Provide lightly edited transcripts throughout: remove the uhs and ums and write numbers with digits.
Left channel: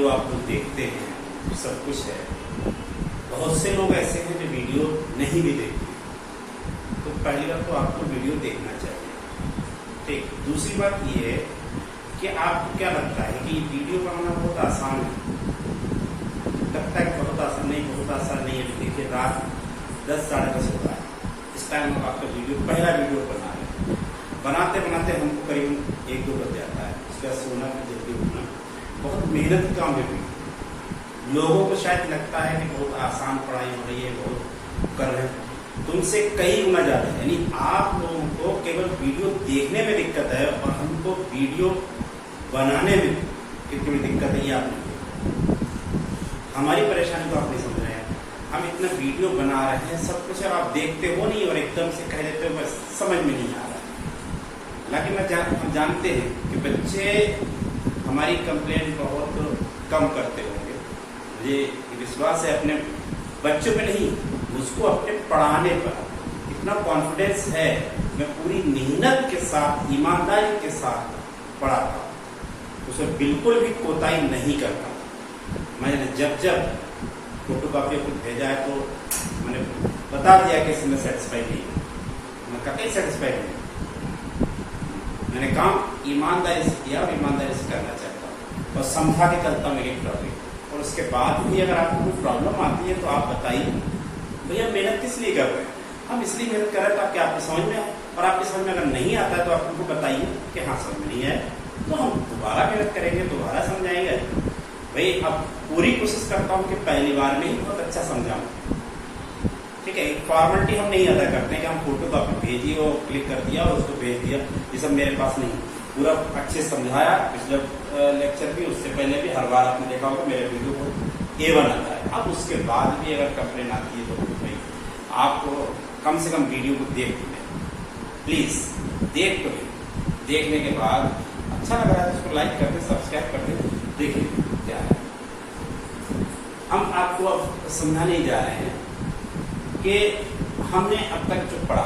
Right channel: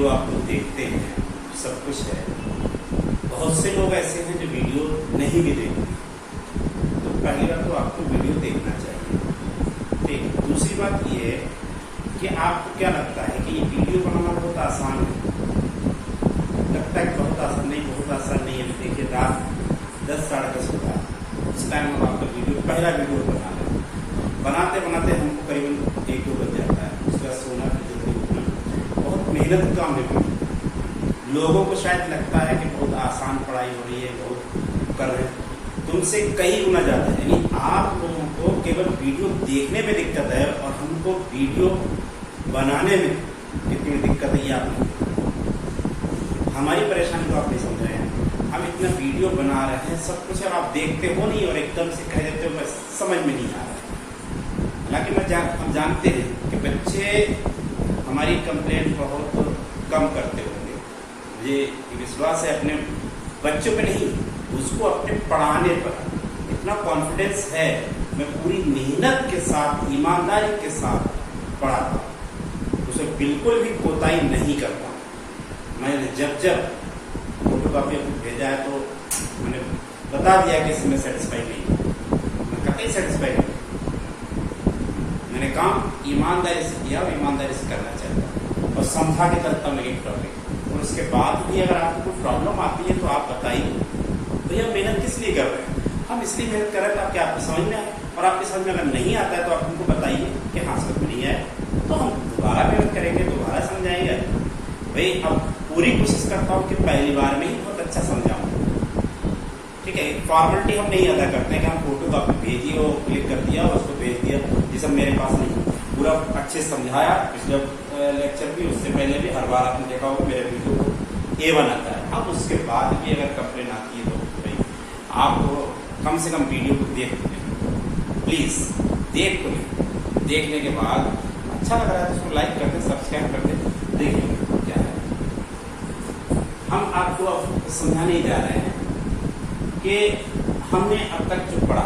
Video आप लोग देखते हैं, सब कुछ है, बहुत से लोग ऐसे हैं जो वीडियो नहीं भी देखते। तो पहली बात तो आपको वीडियो देखना चाहिए। ठीक, दूसरी बात ये है कि आपको क्या लगता है कि ये वीडियो बनाना बहुत आसान है? लगता है कि बहुत आसान नहीं, बहुत आसान नहीं है। देखिए रात 10 साढ़े 10 हो रहा है, इस टाइम हम आपका पहला वीडियो बना रहे हैं। बनाते बनाते हमको करीबन 1-2 बज जाता है। उसके बाद सोना फिर जल्दी उठना, बहुत मेहनत का काम है। लोगों को शायद लगता है कि बहुत आसान पढ़ाई हो रही है, बहुत कर रहे हैं, तुमसे कई गुना ज्यादा है। यानी आप लोगों को केवल वीडियो देखने में दिक्कत है और हमको वीडियो बनाने में कितनी दिक्कत है ये आप नहीं, हमारी परेशानी को आप नहीं समझ रहे हैं। हम इतना वीडियो बना रहे हैं, सब कुछ है, आप देखते हो नहीं और एकदम से कह देते हो, बस समझ में नहीं आ रहा है। हालांकि हम जानते हैं कि बच्चे हमारी कंप्लेंट बहुत कम करते होंगे। मुझे विश्वास है अपने बच्चों पे नहीं, उसको अपने पढ़ाने पर इतना कॉन्फिडेंस है। मैं पूरी मेहनत के साथ, ईमानदारी के साथ पढ़ाता हूँ, उसे बिल्कुल भी कोताही नहीं करता। मैंने जब फोटो कॉपी भेजा है तो मैंने बता दिया कि इसमें सेटिस्फाई नहीं, मैं कतई सेटिस्फाई नहीं। मैंने काम ईमानदारी से किया और ईमानदारी से करना चाहता हूँ और समझा के चलता हूँ एक टॉपिक। और उसके बाद भी अगर आपको कोई प्रॉब्लम आती है तो आप बताइए, भैया मेहनत किस लिए कर रहे हैं? हम इसलिए मेहनत कर रहे हैं ताकि आपको समझ में आए, और आपकी समझ में अगर नहीं आता है तो आप हमको बताइए कि हाँ समझ में नहीं आए, तो हम दोबारा मेहनत करेंगे, दोबारा समझाएंगे। भाई अब पूरी कोशिश करता हूँ कि पहली बार में ही बहुत अच्छा समझाऊँ। ठीक है, एक फॉर्मेलिटी हम नहीं अदा करते हैं कि हम फोटो कॉपी भेजिए और क्लिक कर दिया और उसको भेज दिया, ये सब मेरे पास नहीं। पूरा अच्छे समझाया, पिछले लेक्चर भी, उससे पहले भी, हर बार आपने देखा होगा मेरे वीडियो को A1 आता है। अब उसके बाद भी अगर कंप्लेन आती है तो नहीं, आप कम से कम वीडियो को देख प्लीज, देख तो देखने के बाद अच्छा लग रहा है उसको लाइक कर दे, सब्सक्राइब कर दे, देखिए क्या है। हम आपको समझाने जा रहे हैं कि हमने अब तक जो पढ़ा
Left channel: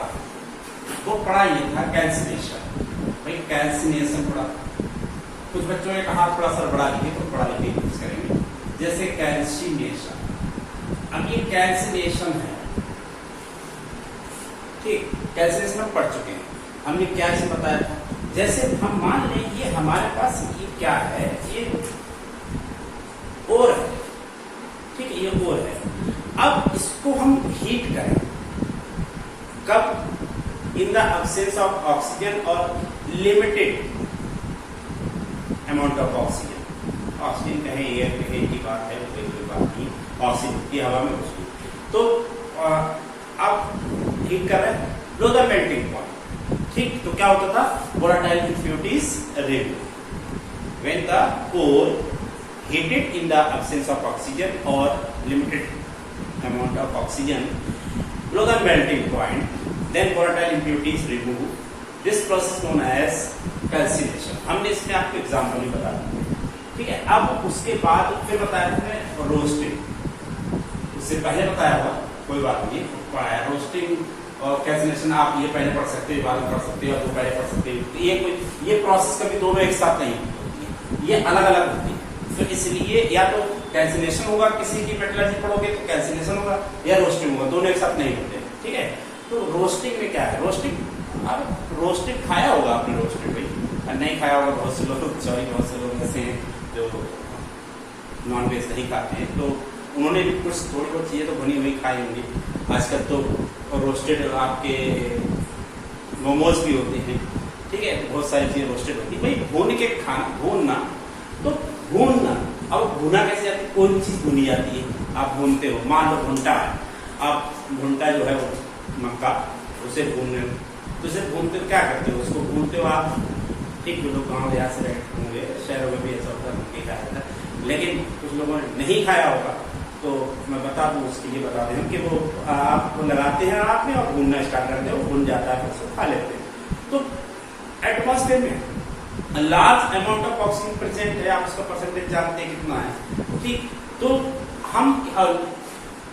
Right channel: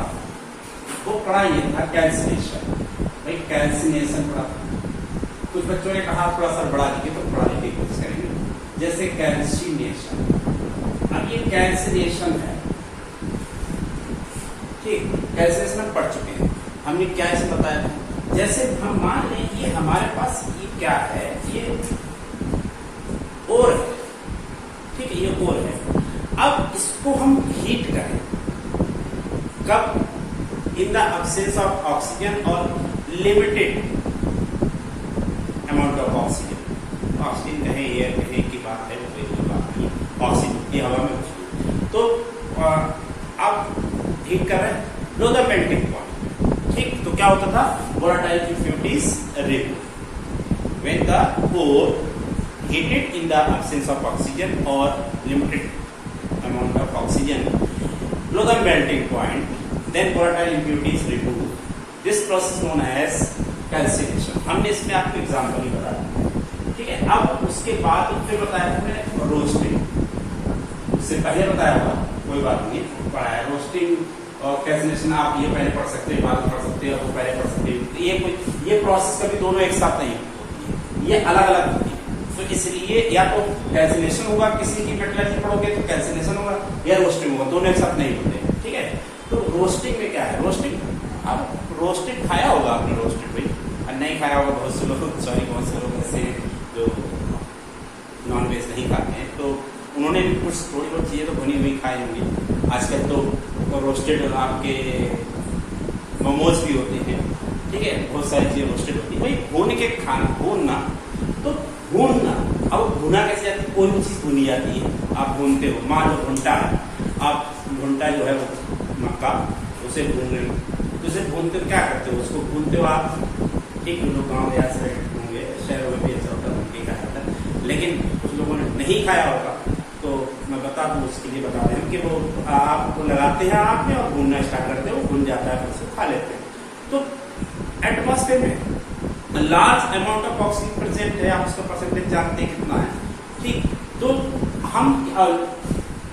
वो पढ़ा ये था कैल्सिनेशन। भाई कैल्सिनेशन पढ़ा, कुछ बच्चों ने कहा थोड़ा सा बड़ा लिखे तो बड़ा लिखे यूज करेंगे, जैसे कैल्सिनेशन। अब ये कैल्सिनेशन है, ठीक, कैल्सिनेशन हम पढ़ चुके हैं। हमने क्या इसे बताया था, जैसे हम मान लें ये हमारे पास ये क्या है, ये ओर है, ठीक है, ये ओर है। अब इसको हम हीट करें, कब? In the absence of oxygen और limited amount of oxygen. Oxygen कहे, एयर कहे की बात है, कोई बात नहीं, ऑक्सीजन की हवा में घुसती। तो अब हीट कर रहे हैं, लो द मेल्टिंग पॉइंट। ठीक, तो क्या होता था, volatile impurities remove when the ore heated in the absence of oxygen or limited amount of oxygen below the melting point, then volatile impurities removed. This process known as calcination. हमने इसमें आपको example ही बताया, ठीक है। अब उसके बाद फिर बताया हमने रोस्टिंग, उससे पहले बताया था, कोई बात नहीं, पढ़ाया रोस्टिंग और कैल्सिनेशन। आप ये पहले पढ़ सकते हैं, बाद में पढ़ सकते हैं, और पहले पढ़ सकते हैं। ये प्रोसेस कभी दोनों एक साथ नहीं होती, ये अलग अलग होती है। तो इसलिए या तो कैल्सिनेशन होगा, किसी की मेटलर्जी पढ़ोगे तो कैल्सिनेशन होगा, या रोस्टिंग होगा, दोनों एक साथ नहीं होते, ठीक है। तो रोस्टिंग में क्या है, रोस्टिंग, अब रोस्टिंग खाया होगा आपने, रोस्टिंग भाई, और नहीं खाया होगा बहुत से लोग, सॉरी बहुत से लोग ऐसे जो नॉन वेज नहीं खाते हैं, तो उन्होंने भी कुछ थोड़ी बहुत चीजें तो बनी हुई खाई होंगी। आजकल तो रोस्टेड आपके मोमोज भी होते हैं, ठीक है, बहुत सारी चीजें रोस्टेड होती है। भाई भून के खाना, भूनना तो भूनना, अब भुना कैसे जाती है, कोई भी चीज भुनी जाती है, आप भूनते हो। मान लो भुंटा है, आप भुंटा जो है वो मक्का, उसे भून रहे हो, तो उसे भूनते हो क्या करते हो, उसको भूनते हो आप, एक लोग गाँव या होंगे, शहरों में भी ऐसा होता है, खाया था, लेकिन कुछ लोगों ने नहीं खाया होगा, तो मैं बता दूं, उसके लिए बता दें कि वो आप लगाते हैं आग में और भूनना स्टार्ट करते हो, भून जाता है, फिर उसको खा लेते हैं। तो एटमॉस्फेयर में large amount of oxygen present है, आप उसका परसेंटेज जानते हैं कितना है, ठीक। तो हम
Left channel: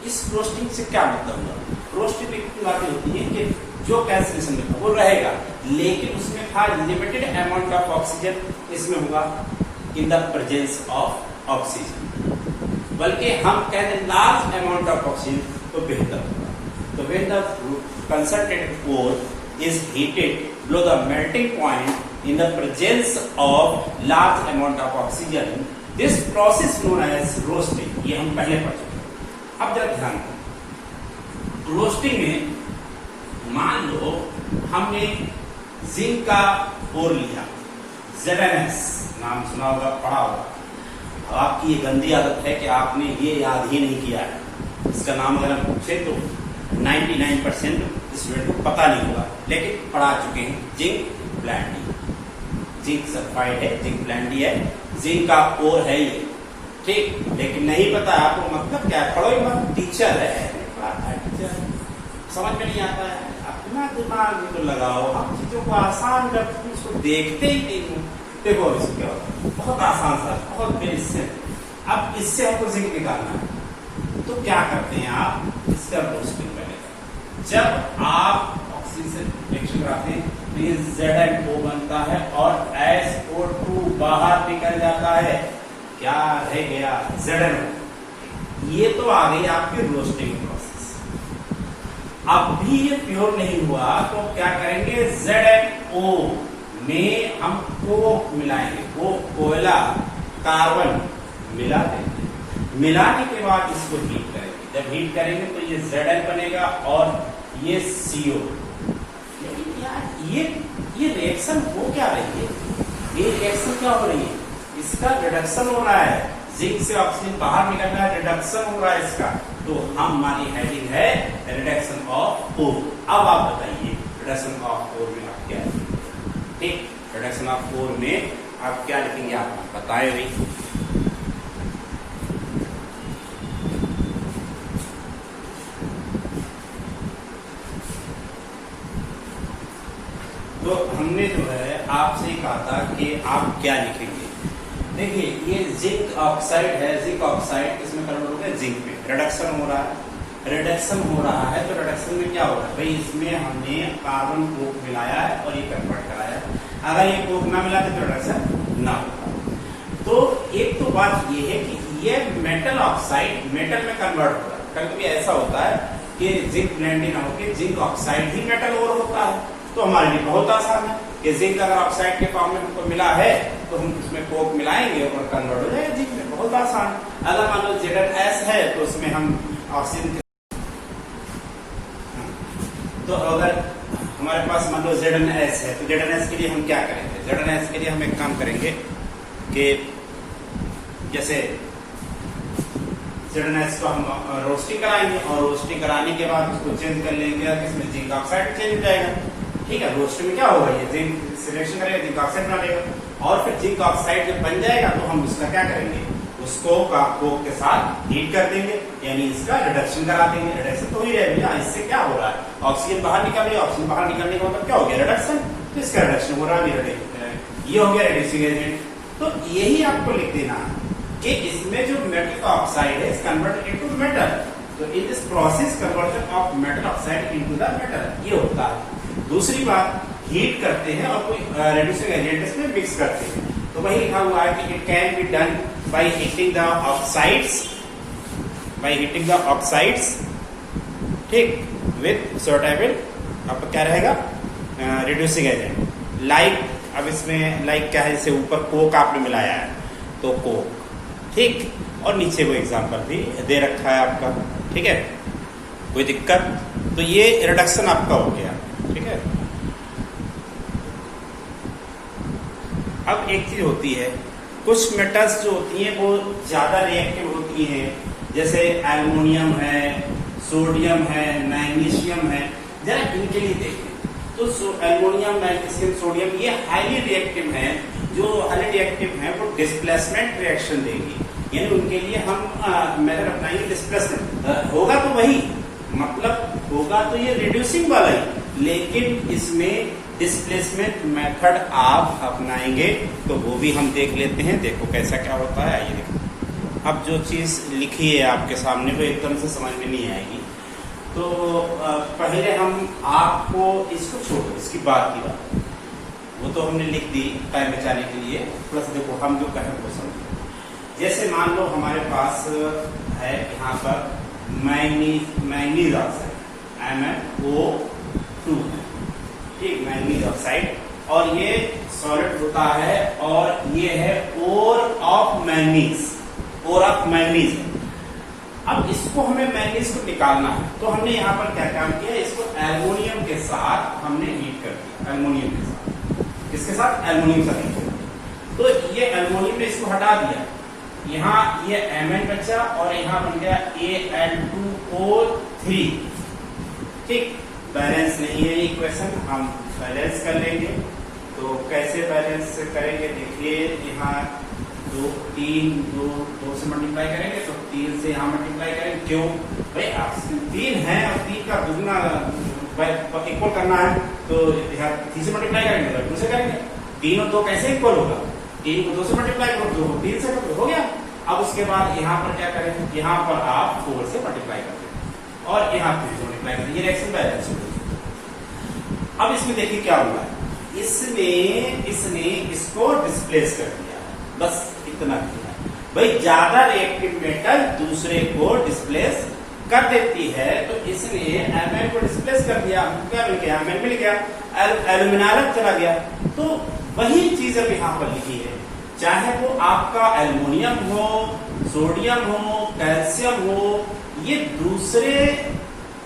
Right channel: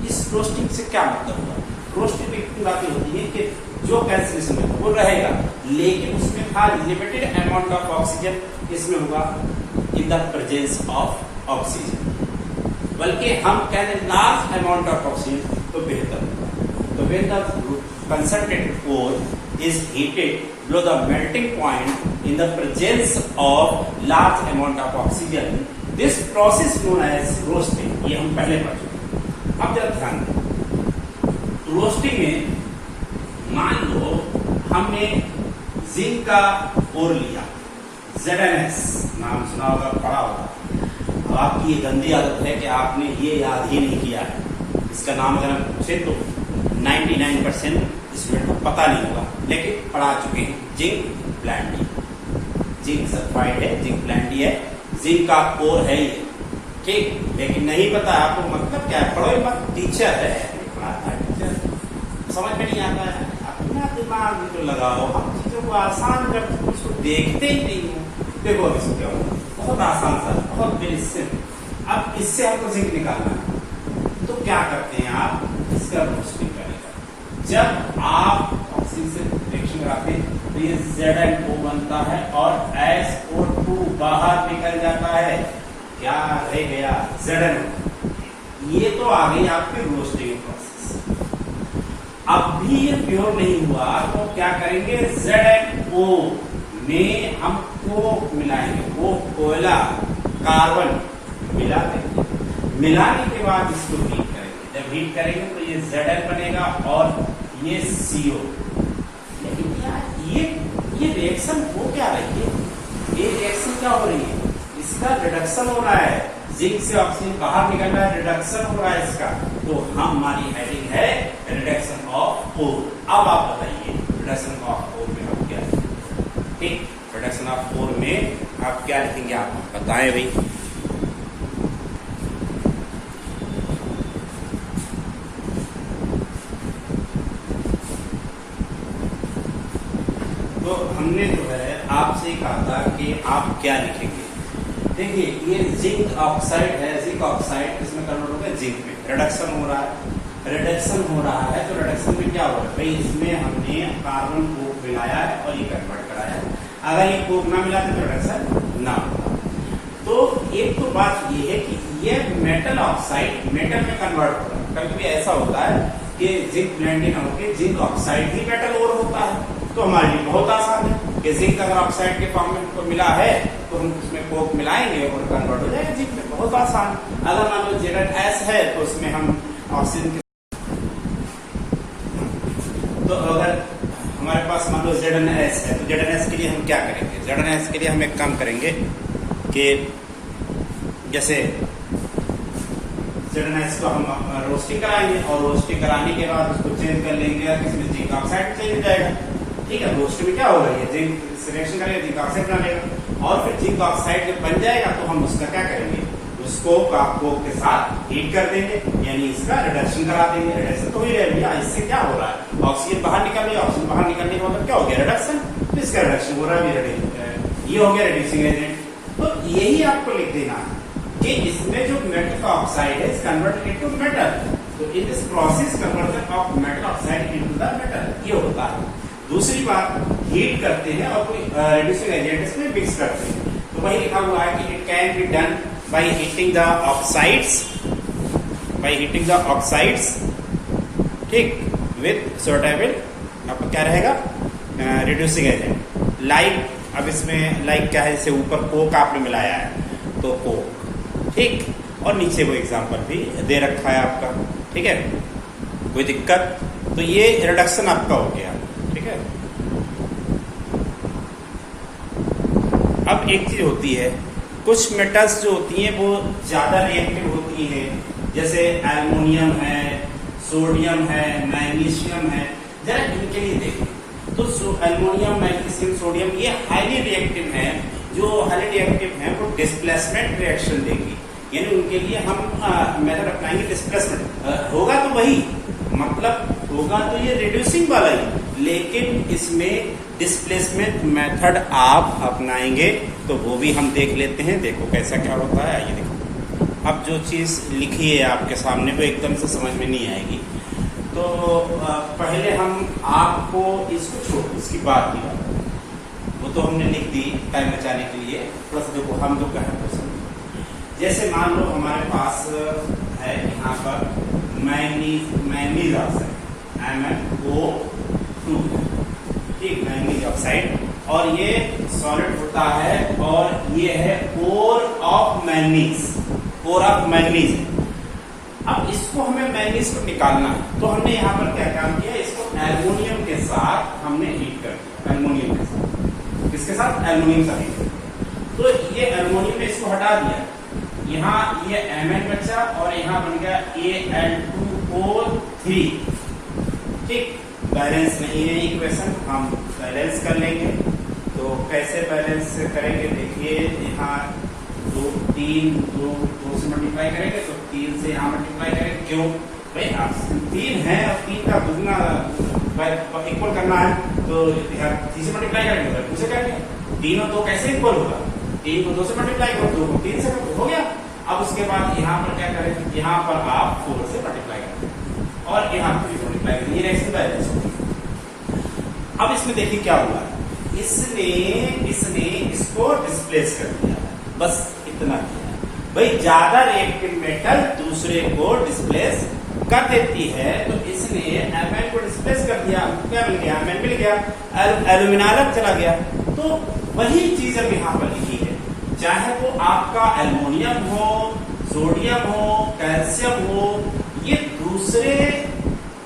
इस रोस्टिंग से क्या मतलब हुआ, रोस्टिंग में इतनी बातें होती है कि जो कैल्सिनेशन में वो रहेगा, लेकिन उसमें था लिमिटेड अमाउंट ऑफ ऑक्सीजन, इसमें होगा in the presence of oxygen, बल्कि हम कहें लार्ज अमाउंट ऑफ ऑक्सीजन तो बेहतर होगा। तो when the concentrated core is heated below the melting point in the presence of large amount of oxygen, this process known as roasting, ये हम पहले पढ़ चुके हैं। अब जरा ध्यान दें, रोस्टिंग में मान लो हमने जिंक का ओर लिया, ZnS नाम सुना होगा, पढ़ा होगा। अब आपकी ये गंदी आदत है कि आपने ये याद ही नहीं किया है। इसका नाम अगर हम पूछे तो 99% स्टूडेंट को पता नहीं होगा, लेकिन पढ़ा चुके हैं। जिंक ब्लैंडी, जिंक सल्फाइड है, जिंक ब्लैंडी है, जिंक का कोर है ये, ठीक। लेकिन नहीं पता आपको मतलब क्या है, पढ़ो मत, टीचर है, टीचर समझ में नहीं आता है। अपना दिमाग जो लगाओ, हम चीजों को आसान जब उसको देखते ही नहीं है। देखो इसको क्या होगा, बहुत आसान सा, बहुत बेसिक। अब इससे आपको जिंक निकालना है तो क्या करते हैं आप, इसका रोस्टिंग करेगा। जब आप ऑक्सीजन से रिएक्शन कराते हैं तो ये ZnO बनता है और SO2 बाहर निकल जाता है। क्या रह गया, ZnO। ये तो आ गई आपकी रोस्टिंग प्रोसेस। अब भी ये प्योर नहीं हुआ तो क्या करेंगे, ZnO में हम कोक मिलाएंगे, कोयला कार्बन मिला देंगे। मिलाने के बाद इसको हीट करेंगे। जब हीट करेंगे तो ये Zn बनेगा और ये CO। लेकिन यार ये रिएक्शन हो क्या रही है, ये रिएक्शन क्या हो रही है, इसका रिडक्शन हो रहा है। जिंक से ऑक्सीजन बाहर निकल रहा है, रिडक्शन हो रहा है इसका। तो हमारी हेडिंग है रिडक्शन ऑफ ओर। अब आप बताइए रिडक्शन ऑफ ओर में आप क्या लिखेंगे, ठीक। रिडक्शन ऑफ ओर में आप क्या लिखेंगे, आप बताएं भाई। तो हमने जो है आपसे कहा था कि आप क्या लिखेंगे। देखिए ये जिंक ऑक्साइड है, जिंक ऑक्साइड इसमें कन्वर्ट हो गया जिंक में, रिडक्शन हो रहा है। रिडक्शन हो रहा है तो रिडक्शन में क्या हो रहा है भाई, इसमें हमने कार्बन कोक मिलाया है और ये कन्वर्ट कराया है। अगर ये कोक ना मिला तो रिडक्शन ना होगा। तो एक तो बात ये है कि ये मेटल ऑक्साइड मेटल में कन्वर्ट हो रहा है। कभी कभी ऐसा होता है कि जिंक ब्लेंडिंग होकर जिंक ऑक्साइड भी मेटल और होता है। तो हमारे लिए बहुत आसान है कि जिंक अगर ऑक्साइड के फॉर्म में हमको मिला है तो हम उसमें कोक मिलाएंगे और कन्वर्ट हो जाएगा जिंक में, बहुत आसान। अगर मान लो ZnS है तो उसमें हम ऑक्सीजन, तो अगर हमारे पास मान लो ZnS है तो ZnS के लिए हम क्या करेंगे, ZnS के लिए हम एक काम करेंगे कि जैसे ZnS को हम रोस्टिंग कराएंगे और रोस्टिंग कराने के बाद उसको चेंज कर लेंगे, इसमें जिंक ऑक्साइड चेंज हो जाएगा, ठीक है। रोस्टिंग में क्या होगा, ये जिंक सिलेक्शन करेगा, जिंक ऑक्साइड बना लेगा और फिर जिंक ऑक्साइड जब बन जाएगा तो हम उसका क्या करेंगे, उसको कोक के साथ हीट कर देंगे, यानी इसका रिडक्शन करा देंगे। रिडक्शन तो ही रहेगा, इससे क्या हो रहा है, ऑक्सीजन बाहर निकल रही है, ऑक्सीजन बाहर निकलने का मतलब क्या हो गया, रिडक्शन। तो इसका रिडक्शन हो रहा है, ये हो गया रिड्यूसिंग एजेंट। तो यही आपको लिख देना कि इसमें जो मेटल ऑक्साइड है इज कन्वर्टेड इनटू मेटल। तो in this process conversion of metal oxide into the metal ये होता है। दूसरी बात, हीट करते हैं और कोई रिड्यूसिंग एजेंट इसमें मिक्स करते हैं। तो वही लिखा हुआ है कि it can be done by heating the oxides, ठीक, विथ सुटेबल आपका क्या रहेगा रिड्यूसिंग एजेंट। लाइक, अब इसमें लाइक क्या है, जैसे ऊपर कोक आपने मिलाया है तो कोक, ठीक, और नीचे वो एग्जांपल भी दे रखा है आपका, ठीक है, कोई दिक्कत। तो ये रिडक्शन आपका हो गया, ठीक है। अब एक चीज होती है, कुछ मेटल्स जो होती हैं वो ज्यादा रिएक्टिव होती हैं, जैसे एल्युमिनियम है, सोडियम है, मैग्नीशियम है। जरा इनके लिए देखें तो एल्युमिनियम, मैग्नीशियम, सोडियम ये हाईली रिएक्टिव है। जो हाईली रिएक्टिव है वो डिस्प्लेसमेंट रिएक्शन देंगे, यानी उनके लिए हम मेथड अपनाएंगे डिस्प्लेसमेंट। होगा तो वही, मतलब होगा तो ये रिड्यूसिंग वाला है, लेकिन इसमें डिस्प्लेसमेंट मेथड आप अपनाएंगे तो वो भी हम देख लेते हैं। देखो कैसा क्या होता है, ये देखो। अब जो चीज लिखी है आपके सामने वो एकदम से समझ में नहीं आएगी, तो पहले हम आपको इसको छोड़ो, इसकी बात की बात वो तो हमने लिख दी टाइम बचाने के लिए, प्लस देखो हम जो कहें वो समझो। जैसे मान लो हमारे पास है यहाँ पर मैंगनीज ऑक्साइड MnO2, ठीक, मैंगनीज ऑक्साइड, और ये सॉलिड होता है और ये है ओर ऑफ मैंगनीज है। अब इसको हमें मैंगनीज को निकालना है, तो हमने यहाँ पर क्या काम किया, इसको एल्युमिनियम के साथ हमने हीट कर दिया, एल्युमिनियम के साथ, किसके साथ, एल्युमिनियम से हीट कर दिया। तो ये एल्युमिनियम ने इसको हटा दिया, यहाँ ये Mn बचा और यहाँ बन गया Al2O3, ठीक, बैलेंस नहीं है इक्वेशन, हम बैलेंस कर लेंगे। तो कैसे बैलेंस करेंगे, देखिए यहाँ दो से मल्टीप्लाई करेंगे, तो 3 से यहाँ मल्टीप्लाई करेंगे, क्यों भाई ऑप्शन 3 है और 3 का दुगना इक्वल करना है, तो 3 से मल्टीप्लाई करेंगे, 2 से करेंगे, 3 और 2 कैसे इक्वल होगा, 3 को 2 से मल्टीप्लाई करो, 2 को 3 से हो गया। अब उसके बाद यहाँ पर क्या करेंगे, यहाँ पर आप 4 से मल्टीप्लाई कर दें और यहाँ 3 से मल्टीप्लाई कर दें, ये रिएक्शन बैलेंस हो गई। अब इसमें देखिए क्या हुआ है, इसने इसको डिस्प्लेस कर दिया, बस इतना किया भाई। ज्यादा रिएक्टिव मेटल दूसरे को डिस्प्लेस कर देती है, तो इसने Mn को डिस्प्लेस कर दिया, क्या मिल गया, Mn मिल गया, एल्यूमिनाइल चला गया। तो वही चीज अब यहाँ पर लिखी है, चाहे वो आपका एल्युमिनियम हो, सोडियम हो, कैल्शियम हो, ये दूसरे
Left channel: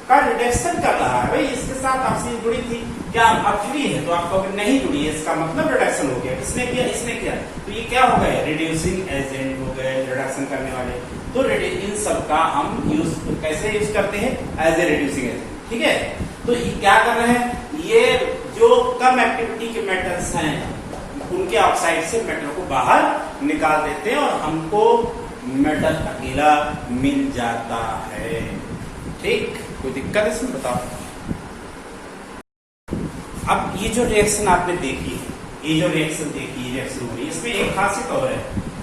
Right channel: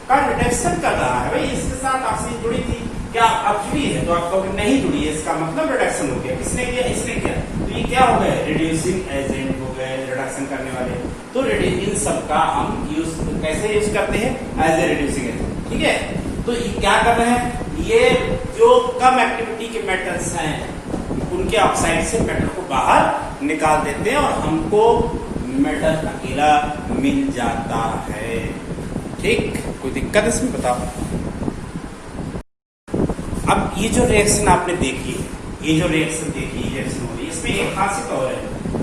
का रिडक्शन कर रहा है भाई, इसके साथ ऑक्सीजन जुड़ी थी, क्या अब फ्री है, तो आप कहोगे नहीं जुड़ी है, इसका मतलब रिडक्शन हो गया, किसने किया, इसने किया, तो ये क्या हो गए, रिड्यूसिंग एजेंट हो गए, रिडक्शन करने वाले। तो इन सबका हम यूज कैसे यूज करते हैं, एज ए रिड्यूसिंग एजेंट, ठीक है। तो ये क्या कर रहे हैं, ये जो कम एक्टिविटी के मेटल्स हैं उनके ऑक्साइड से मेटल को बाहर निकाल देते हैं और हमको मेटल अकेला मिल जाता है, ठीक। कोई दिक्कत इसमें बताओ। अब ये जो रिएक्शन आपने देखी है, ये जो रिएक्शन देखी, रिएक्शन हो रही है, इसमें एक खासियत और है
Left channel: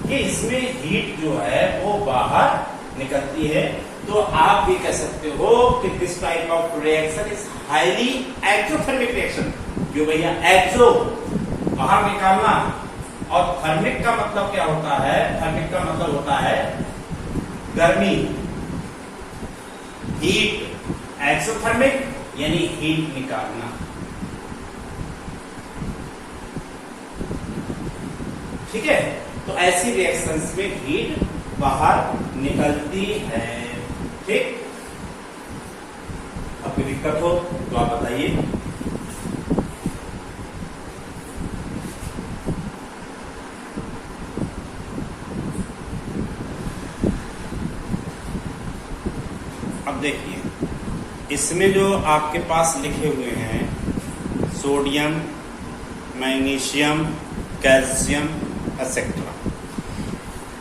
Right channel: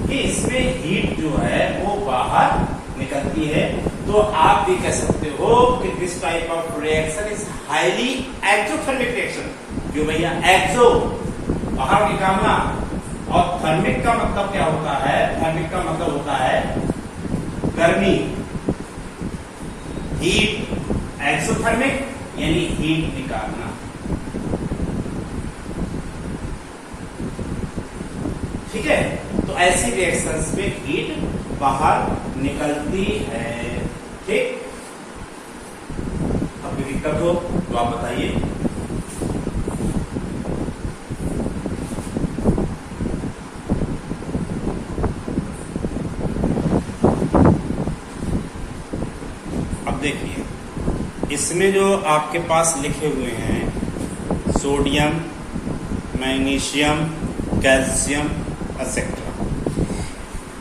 कि इसमें हीट जो है वो बाहर निकलती है। तो आप भी कह सकते हो कि this type of reaction is highly exothermic reaction, जो भैया एक्सो बाहर निकालना, और थर्मिक का मतलब क्या होता है, थर्मिक का मतलब होता है गर्मी, हीट, एक्सोथर्मिक यानी हीट निकालना, ठीक है। तो ऐसी रिएक्शंस में हीट बाहर निकलती है, ठीक। अब कोई दिक्कत हो तो आप बताइए। अब देखिए, इसमें जो आपके पास लिखे हुए हैं सोडियम, मैग्नीशियम, कैल्शियम एक्सेट्रा,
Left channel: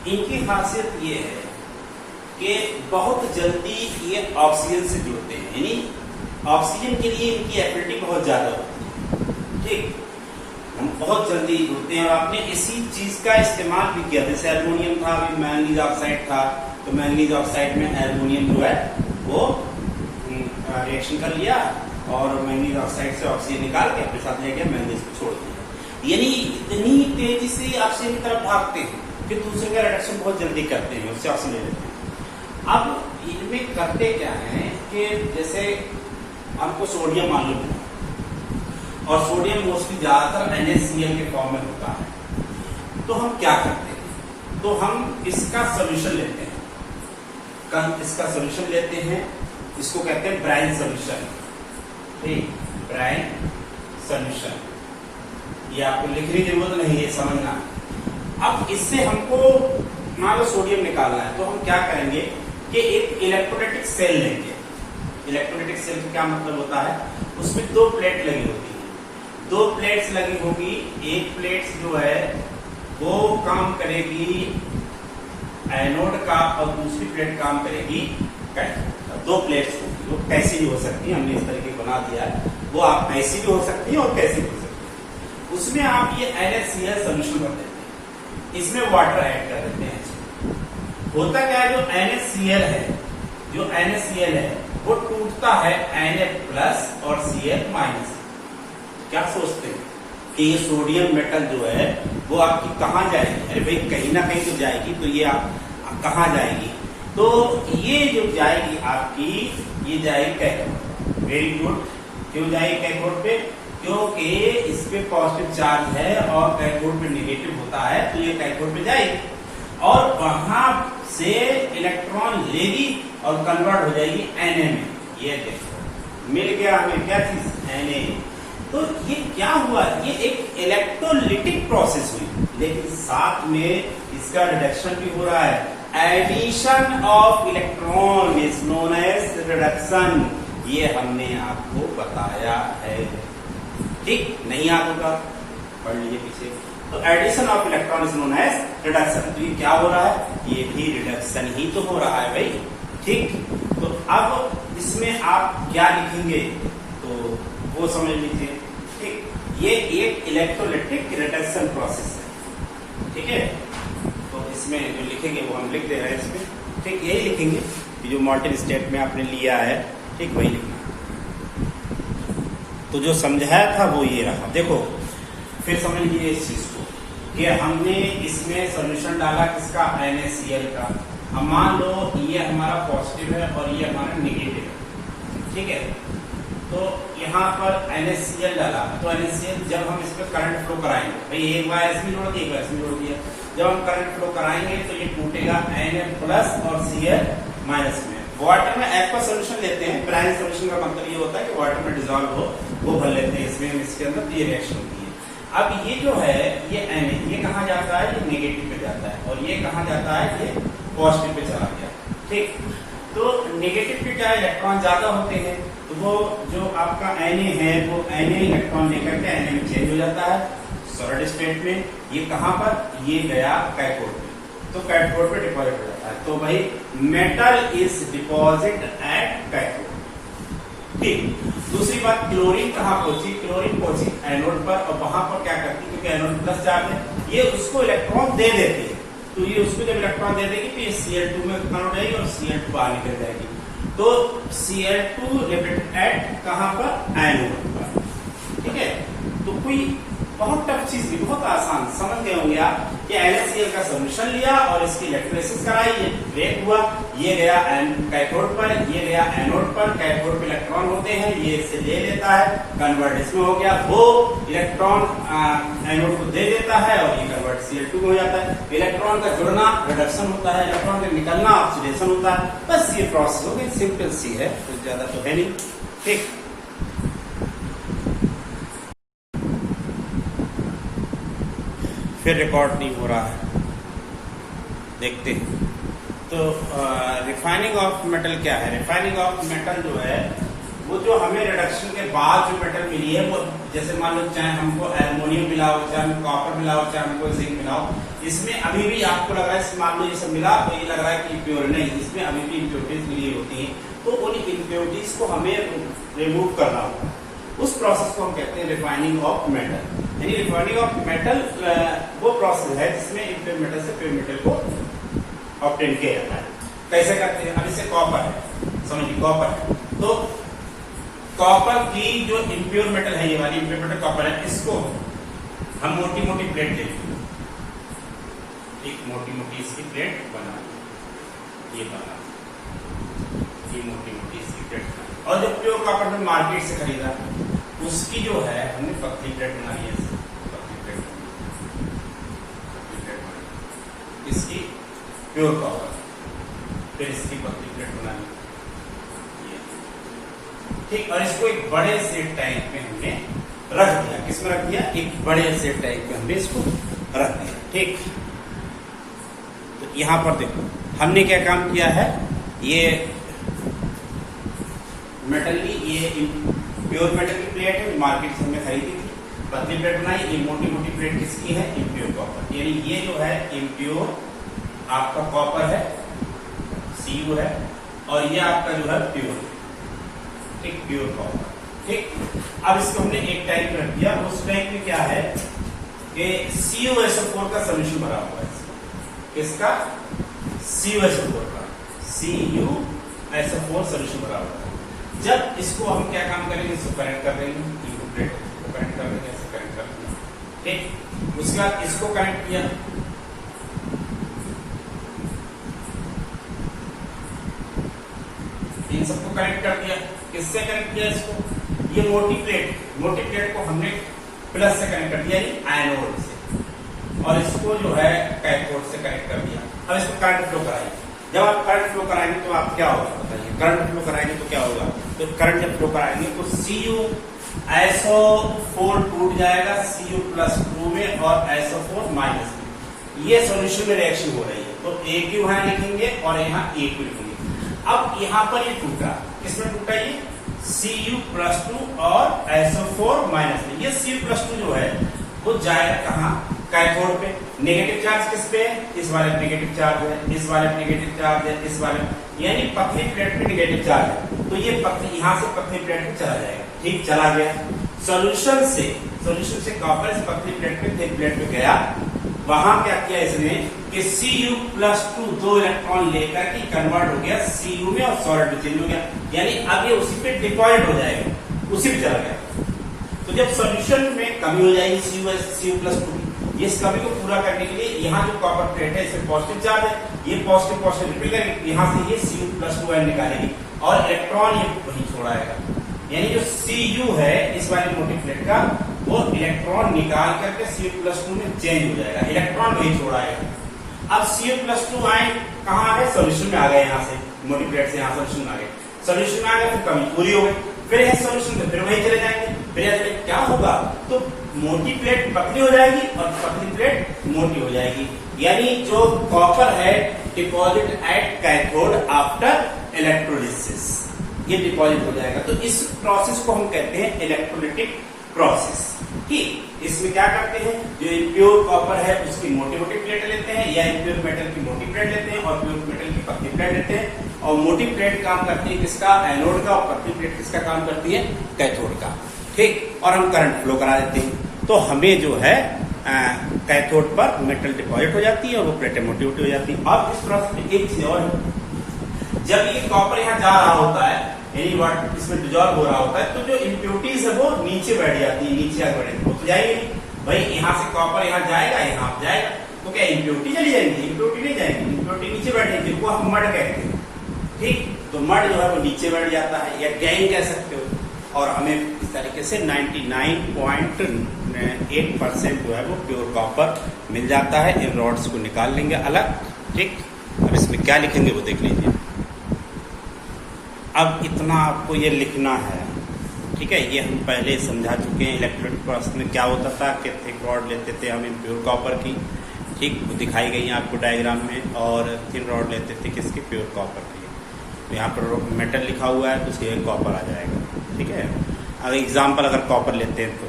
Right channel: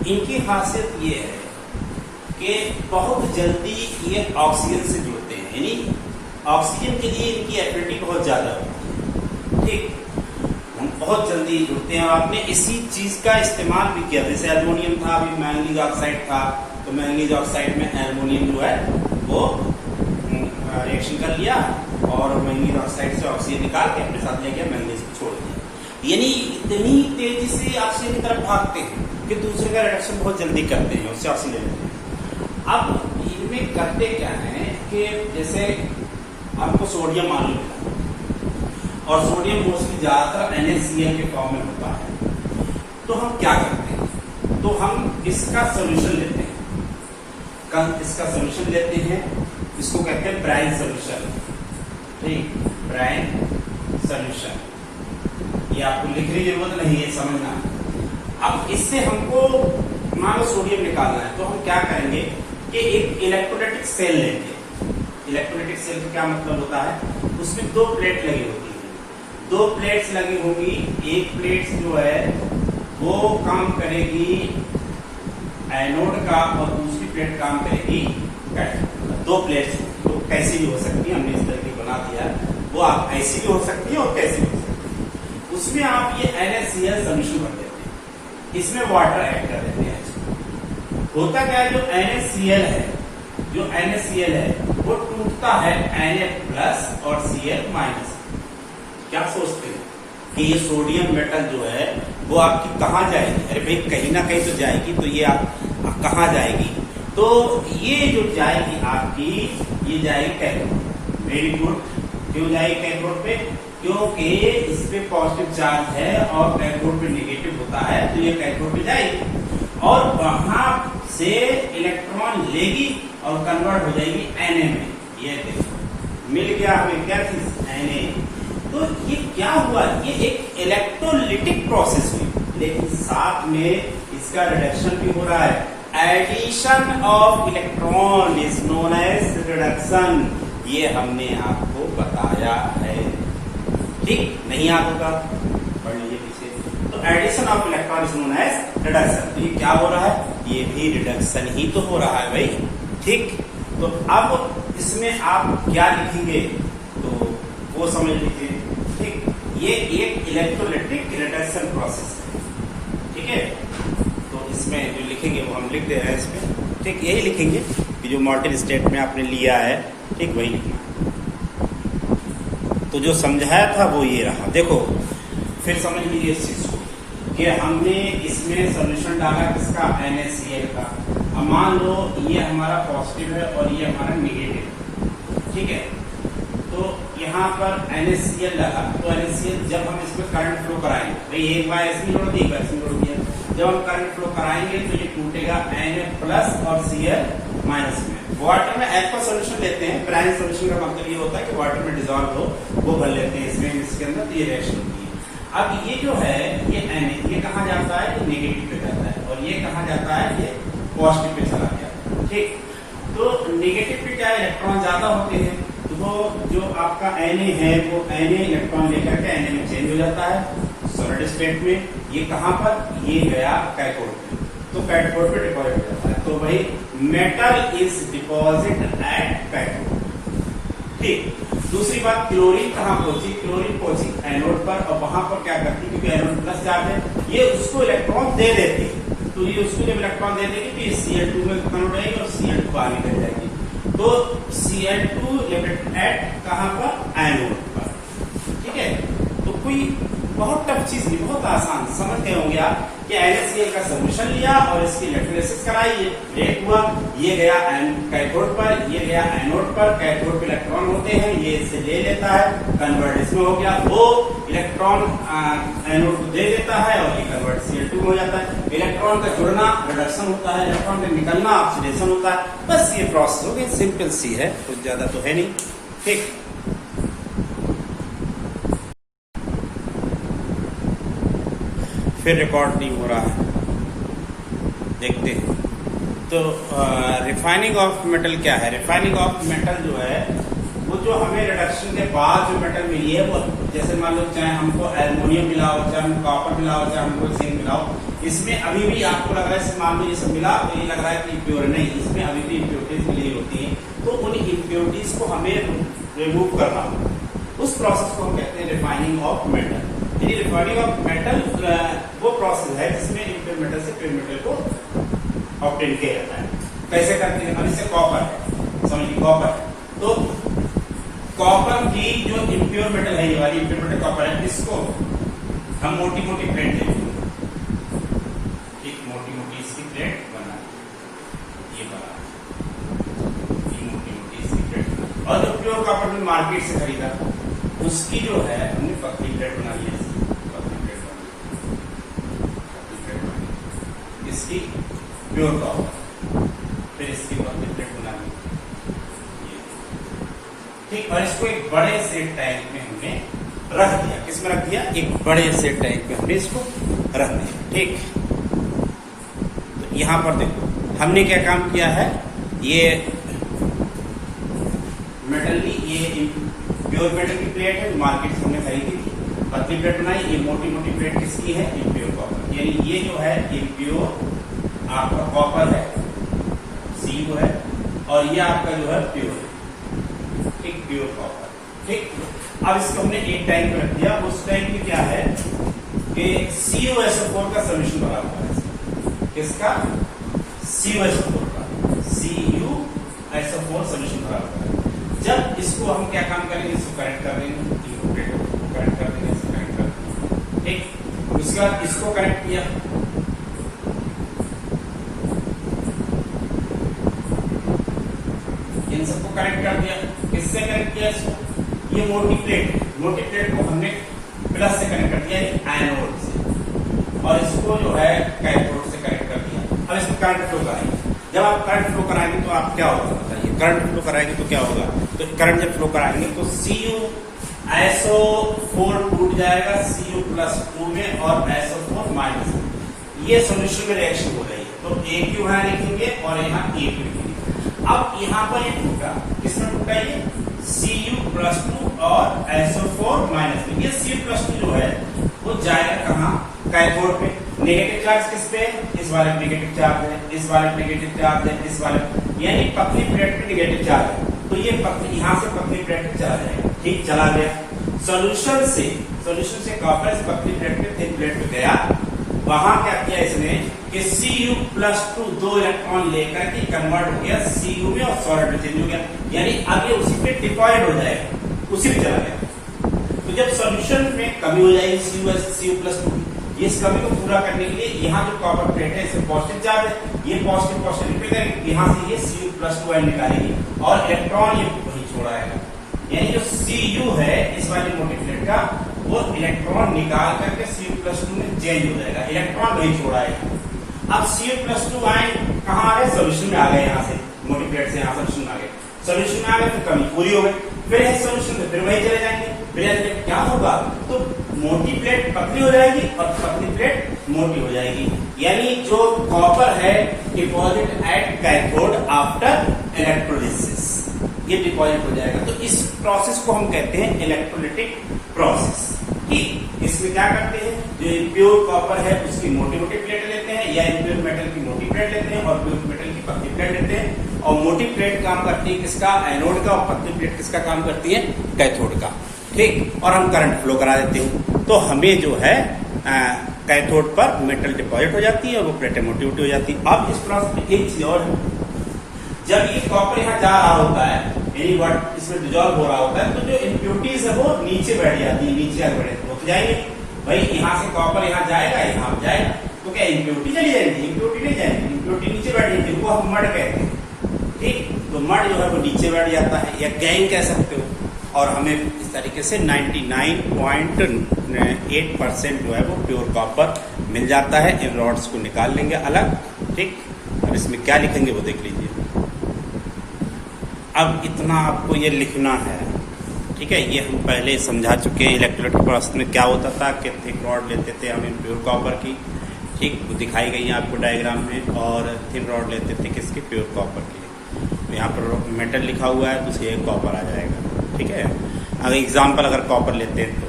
इनकी खासियत ये है कि बहुत जल्दी ये ऑक्सीजन से जुड़ते हैं, यानी ऑक्सीजन के लिए इनकी एफिनिटी बहुत ज्यादा होती है, ठीक, हम बहुत जल्दी जुड़ते हैं। और आपने इसी चीज का इस्तेमाल भी किया, जैसे एल्युमिनियम था, अभी मैंगनीज ऑक्साइड था, तो मैंगनीज ऑक्साइड में एल्युमिनियम जो है वो रिएक्शन कर लिया और मैंगनीज ऑक्साइड से ऑक्सीजन निकाल के अपने साथ लेके मैंगनीज को छोड़ दिया, यानी इतनी तेजी से ऑक्सीजन की तरफ भागते हैं कि दूसरे का रिडक्शन बहुत जल्दी करते हैं, उससे ऑक्सीजन ले लेते हैं। अब इनमें करते क्या है कि जैसे आपको सोडियम मालूम है और सोडियम मोस्टली ज्यादातर NaCl के फॉर्म में होता है, तो हम क्या करते हैं, तो हम इसका सोल्यूशन लेते हैं, इसका सोल्यूशन लेते हैं, इसको कहते हैं ब्राइन सोल्यूशन, ठीक, ब्राइन सोल्यूशन, ये आपको लिखने की जरूरत नहीं है, समझना। अब इससे हमको मान लो सोडियम निकालना है, तो हम क्या करेंगे कि एक इलेक्ट्रोलाइटिक सेल लेंगे। इलेक्ट्रोलाइटिक सेल का क्या मतलब होता है, उसमें 2 प्लेट लगी होती है, 2 प्लेट्स लगी होगी, एक प्लेट जो है वो काम करेगी एनोड का और दूसरी प्लेट काम करेगी कैथोड। 2 प्लेट्स होगी, वो कैसी भी हो सकती है, हमने इस तरीके बना दिया, वो आप ऐसी भी हो सकती है और कैसी भी हो सकती है। उसमें आप ये NaCl सोल्यूशन कर देते हैं, इसमें वाटर ऐड कर देते हैं। होता क्या है, जो NaCl है वो टूटता है Na+ और Cl-। क्या सोचते हैं कि ये सोडियम मेटल जो है वो आपकी कहाँ जाएगी? अरे भाई कहीं ना कहीं तो जाएगी, तो ये आप कहाँ जाएगी? तो ये जो जाएगी आपकी, ये जाएगी कैथोड। Very good. क्यों जाएगी कैथोड पे? क्योंकि इस पे पॉजिटिव चार्ज है और कैथोड पे नेगेटिव होता है, तो ये कैथोड पे जाएगी और वहां से इलेक्ट्रॉन लेगी और कन्वर्ट हो जाएगी Na में। ये देखो मिल गया हमें क्या चीज? Na। तो ये क्या हुआ? ये एक इलेक्ट्रोलिटिक प्रोसेस हुई, लेकिन साथ में इसका रिडक्शन भी हो रहा है। Addition of electron is known as reduction. ये हमने आपको बताया है, ठीक? नहीं याद होगा पढ़ लीजिए पीछे। तो addition of electron is known as reduction. ये क्या हो रहा है? ये भी रिडक्शन ही तो हो रहा है भाई, ठीक? तो अब इसमें आप क्या लिखेंगे तो वो समझ लीजिए, ठीक? ये एक इलेक्ट्रोलिटिक रिडक्शन प्रोसेस है, ठीक है? तो इसमें जो लिखेंगे वो हम लिख दे रहे हैं इसमें, ठीक? यही लिखेंगे कि जो मॉल्टेन स्टेट में आपने लिया है, ठीक? वही लिखना। तो जो समझाया था वो ये रहा। देखो फिर समझ लीजिए इस चीज को कि हमने इसमें सॉल्यूशन डाला किसका? NaCl का। अब मान लो ये हमारा पॉजिटिव है और ये हमारा नेगेटिव है, ठीक है? तो यहाँ पर NaCl डाला, तो NaCl जब हम इसमें करंट फ्लो कराएंगे, भाई एक बार इसमें जोड़ दिया, एक बार इसमें जोड़ दिया, जब हम करंट फ्लो कराएंगे तो ये टूटेगा Na+ और Cl- में। वाटर में एक्वा सोल्यूशन लेते हैं, प्राइम सोल्यूशन का मतलब ये होता है कि वाटर में डिजोल्व हो वो भर लेते हैं इसमें, इसके अंदर, तो ये रिएक्शन होती है। अब ये जो है ये Na, ये कहाँ जाता है? ये नेगेटिव पे जाता है, और ये कहाँ जाता है? ये पॉजिटिव पे चला गया, ठीक? तो नेगेटिव पे क्या है? इलेक्ट्रॉन ज्यादा होते हैं, तो वो जो आपका Na है वो Na इलेक्ट्रॉन लेकर के Na में चेंज हो जाता है सॉलिड स्टेट में। ये कहाँ पर? ये गया कैथोड पे, तो कैथोड पे डिपॉजिट हो जाता है। तो भाई metal is deposit at cathode, ठीक? दूसरी बात, क्लोरीन कहाँ पहुंची? क्लोरीन पहुंची एनोड पर, और वहां पर क्या करती? क्योंकि एनोड प्लस चार्ज है, ये उसको इलेक्ट्रॉन दे देती है, तो ये उसको जब इलेक्ट्रॉन दे देगी तो ये Cl2 में कन्वर्ट हो जाएगी और Cl2 बाहर निकल जाएगी। तो Cl2 लिमिटेड एट कहाँ पर? एनोड पर, ठीक है? तो कोई बहुत टफ चीज नहीं, बहुत आसान, समझ गए होंगे आप कि NaCl का सॉल्यूशन लिया और इसकी इलेक्ट्रोलिसिस कराई, ये ब्रेक हुआ, ये गया कैथोड पर, ये गया एनोड पर। कैथोड पे इलेक्ट्रॉन होते हैं, ये इससे ले लेता है, कन्वर्ट इसमें हो गया, वो इलेक्ट्रॉन एनोड को दे देता है और ये कन्वर्ट Cl2 हो जाता है। इलेक्ट्रॉन का जुड़ना रिडक्शन होता है, इलेक्ट्रॉन का निकलना ऑक्सीडेशन होता है। बस ये प्रोसेस हो गई, सिंपल सी है, कुछ ज्यादा तो है नहीं, ठीक? फिर रिकॉर्ड नहीं हो रहा है, देखते हैं। तो रिफाइनिंग ऑफ मेटल क्या है? रिफाइनिंग ऑफ मेटल जो है वो जो हमें रिडक्शन के बाद जो मेटल मिली है, वो जैसे मान लो चाहे हमको एल्युमिनियम मिला हो, चाहे हमको कॉपर मिला हो, चाहे हमको जिंक मिला हो, इसमें अभी भी आपको लग रहा है, मान लो ये सब मिला तो ये लग रहा है कि प्योर नहीं, इसमें अभी भी इम्प्योरिटीज मिली होती हैं, तो उन इम्प्योरिटीज को हमें रिमूव करना होगा। उस प्रोसेस को हम कहते हैं रिफाइनिंग ऑफ मेटल। यानी रिफाइनिंग ऑफ मेटल वो प्रोसेस है जिसमें इम्प्योर मेटल से प्योर मेटल को ऑब्टेन किया जाता है। कैसे करते हैं? अब जैसे कॉपर है, समझिए कॉपर है, तो कॉपर की जो इम्प्योर मेटल है, ये वाली इम्प्योर मेटल कॉपर है, इसको हम मोटी मोटी प्लेट लेंगे, एक मोटी मोटी इसकी प्लेट बना, ये बना, ये मोटी मोटी इसकी प्लेट। और जो प्योर कॉपर में मार्केट से खरीदा उसकी जो है हमने पतली प्लेट बनाई है, इसकी प्योर कॉपर, फिर इसकी पतली प्लेट बनानी, ठीक? और इसको एक बड़े से टैंक में हमने रख दिया। किसमें रख दिया? एक बड़े से टैंक में हमने इसको रख दिया, ठीक? तो यहां पर देखो हमने क्या काम किया है, ये मेटल की, ये प्योर मेटल की प्लेट है, मार्केट से हमने खरीदी थी, पतली प्लेट बनाई। ये मोटी मोटी प्लेट किसकी है? Impure copper. यानी ये जो है इम्प्योर आपका कॉपर है, Cu है, और ये आपका जो है प्योर, एक प्योर कॉपर, ठीक? अब इसको हमने एक टैंक में रख दिया। उस टैंक में क्या है कि CuSO4 का सोल्यूशन भरा हुआ है। किसका? CuSO4 का, CuSO4 सोल्यूशन भरा हुआ है। जब इसको हम क्या काम करेंगे, इसको कनेक्ट कर देंगे, कनेक्ट कर देंगे, इसको कनेक्ट कर देंगे, ठीक? उसके बाद इसको कनेक्ट किया, इन सबको कनेक्ट कर दिया। किससे कनेक्ट किया इसको? ये मोटी प्लेट को हमने प्लस से कनेक्ट कर दिया, एनोड से, और इसको जो है कैथोड से कनेक्ट कर दिया। अब इसको करंट फ्लो कराएंगे। जब आप करंट फ्लो कराएंगे तो आप क्या होगा बताइए? करंट फ्लो कराएंगे तो क्या होगा? तो करंट जब फ्लो कराएंगे तो SO4 टूट जाएगा Cu+2 में और SO4 माइनस में। ये सॉल्यूशन में रिएक्शन हो रही है, तो AQ यहाँ लिखेंगे और यहाँ AQ लिखेंगे। अब यहाँ पर ये टूटा, किसमें टूटा? ये Cu+2 और SO4 माइनस में। ये Cu+2 जो है वो जाएगा कहाँ? कैथोड पे। नेगेटिव चार्ज किस पे? इस वाले नेगेटिव चार्ज है, इस वाले नेगेटिव चार्ज है, इस वाले, यानी पतली प्लेट पे नेगेटिव चार्ज है, तो ये पतली यहाँ से पतली प्लेट पे चला जाएगा। ठीक, चला गया। सॉल्यूशन से कॉपर इस पतली प्लेट पे थिन प्लेट पे गया। वहां क्या किया इसने कि Cu+2 2 इलेक्ट्रॉन लेकर के कन्वर्ट हो गया Cu में और सॉलिड में चेंज हो गया, यानी अब ये उसी पे डिपॉजिट हो जाएगा, उसी पे चला गया। तो जब सॉल्यूशन में कमी हो जाएगी Cu+2 की, ये इस कमी को पूरा करने के लिए यहाँ जो कॉपर प्लेट है इसमें पॉजिटिव चार्ज है, ये पॉजिटिव रिपीट करेंगे, यहाँ से ये Cu+2 निकालेगी और इलेक्ट्रॉन ये वही छोड़ाएगा, यानी जो Cu है इस वाली मोटी प्लेट का, वो इलेक्ट्रॉन निकाल करके Cu+2 में चेंज हो जाएगा, इलेक्ट्रॉन वही छोड़ाएगा। अब Cu+2 आए कहाँ आ गए? सोल्यूशन में आ गए, यहाँ से मोटी प्लेट से यहाँ सोल्यूशन आ गए, सोल्यूशन में आ गए तो कमी पूरी हो गई, फिर है सोल्यूशन में, फिर वही चले जाएंगे। फिर क्या होगा? तो मोटी प्लेट पतली हो जाएगी और पतली प्लेट मोटी हो जाएगी, यानी जो कॉपर है deposit at cathode after electrolysis, ये डिपॉजिट हो जाएगा। तो इस प्रोसेस को हम कहते हैं इलेक्ट्रोलिटिक प्रोसेस। ठीक, इसमें क्या करते हैं? जो इम्प्योर कॉपर है उसकी मोटी मोटी प्लेट लेते हैं, या इम्प्योर मेटल की मोटी प्लेट लेते हैं और प्योर मेटल की पतली प्लेट लेते हैं, और मोटी प्लेट काम करती है किसका? एनोड का, और पतली प्लेट किसका काम करती है? कैथोड का। ठीक, और हम करंट फ्लो करा देते हैं, तो हमें जो है कैथोड पर मेटल डिपॉजिट हो जाती है और वो प्लेटें मोटी मोटी हो जाती है। अब इस प्रोसेस में एक चीज और, जब ये कॉपर यहाँ जा रहा होता है, यानी वर्ड इसमें डिजॉल्व हो रहा होता है, तो जो इम्प्योरिटीज है वो नीचे बैठ जाती है, नीचे आगे बढ़े होते जाएंगे। भाई यहाँ से कॉपर यहाँ जाएगा, यहाँ जाएगा, तो क्या इम्प्योरिटी चली जाएगी? इम्प्योरिटी नहीं जाएगी, इम्प्योरिटी नीचे बैठ जाएगी, वो हम मड कहते हैं। ठीक, तो मड जो है वो नीचे बैठ जाता है, या गैंग कह सकते हो, और हमें इस तरीके से 99.8% जो है वो प्योर कॉपर मिल जाता है। इन रॉड्स को निकाल लेंगे अलग। ठीक, अब इसमें क्या लिखेंगे वो देख लीजिए। अब इतना आपको ये लिखना है, ठीक है, ये हम पहले समझा चुके हैं। इलेक्ट्रोलिटिक प्रोसेस में क्या होता था कि थिक रॉड लेते थे हम प्योर कॉपर की, ठीक, वो दिखाई गई है आपको डायग्राम में, और थिन रॉड लेते थे किसकी? प्योर कॉपर की। तो यहाँ पर मेटल लिखा हुआ है तो उसके कॉपर आ जाएगा। ठीक है, अगर एग्जाम्पल अगर कॉपर लेते हैं तो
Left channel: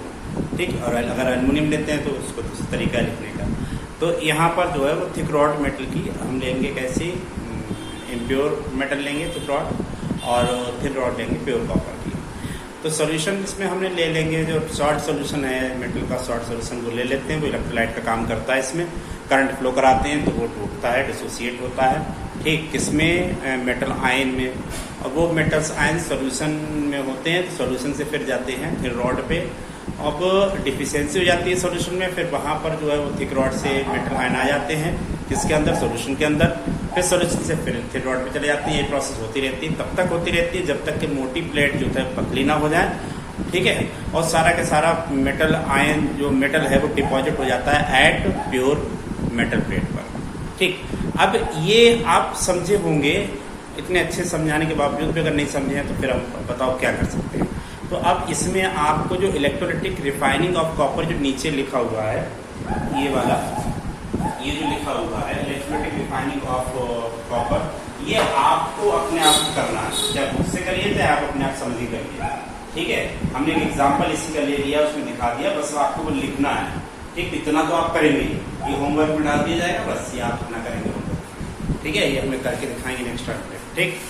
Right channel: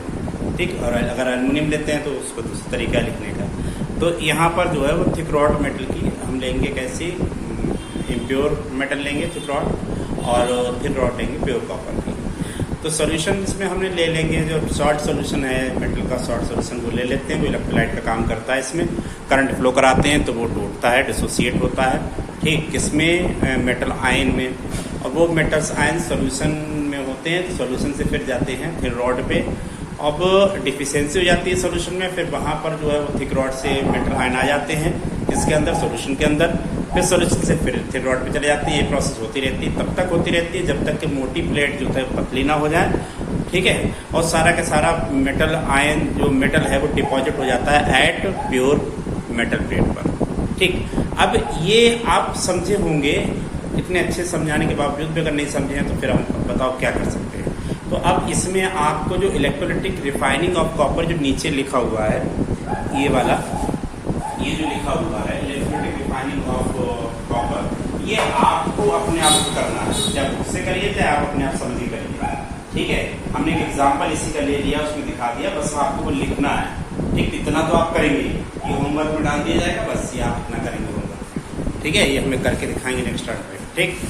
ठीक, और अगर एल्युमिनियम लेते हैं तो उसको दूसरा तरीका लिखने का। तो यहाँ पर जो है वो थिक रॉड मेटल की हम लेंगे कैसे? इम्प्योर मेटल लेंगे थिक रॉड, और थिन रॉड लेंगे प्योर कॉपर की। तो सॉल्यूशन इसमें हमने ले लेंगे, जो शॉर्ट सॉल्यूशन है मेटल का, शॉर्ट सॉल्यूशन वो ले लेते हैं, वो इलेक्ट्रोलाइट का काम करता है। इसमें करंट फ्लो कराते हैं तो वो टूटता है, डिसोसिएट होता है। ठीक, किसमें? मेटल आयन में, और वो मेटल्स आयन सॉल्यूशन में होते हैं, तो सॉल्यूशन से फिर जाते हैं फिर रॉड पे। अब डिफिशियंसी हो जाती है सॉल्यूशन में, फिर वहां पर जो है वो थिक रॉड से मेटल आयन आ जाते हैं किसके अंदर? सॉल्यूशन के अंदर। फिर सॉल्यूशन से फिर थिक रॉड पे चले जाती है। ये प्रोसेस होती रहती है, तब तक होती रहती है जब तक कि मोटी प्लेट जो है पतली ना हो जाए। ठीक है, और सारा का सारा मेटल आयन जो मेटल है वो डिपॉजिट हो जाता है एट प्योर मेटल प्लेट पर। ठीक, अब ये आप समझे होंगे, इतने अच्छे समझाने के बावजूद भी अगर नहीं समझे हैं तो फिर हम बताओ क्या कर सकते हैं। तो अब इसमें आपको जो इलेक्ट्रोलिटिक रिफाइनिंग ऑफ कॉपर जो नीचे लिखा हुआ है, ये वाला, ये जो लिखा हुआ है इलेक्ट्रोलिटिक रिफाइनिंग ऑफ कॉपर, ये आपको अपने आप को करना है। जब मुझसे करिए तो आप अपने आप समझी करिए। ठीक है, हमने एक एग्जाम्पल इसी का ले लिया, उसमें दिखा दिया, बस आपको वो लिखना है। ठीक, इतना तो आप करेंगे, ये होमवर्क में डाल दिया जाएगा, बस ये आप इतना करेंगे। ठीक है, ये हमने करके दिखाएंगे नेक्स्ट टाइम पे। ठीक।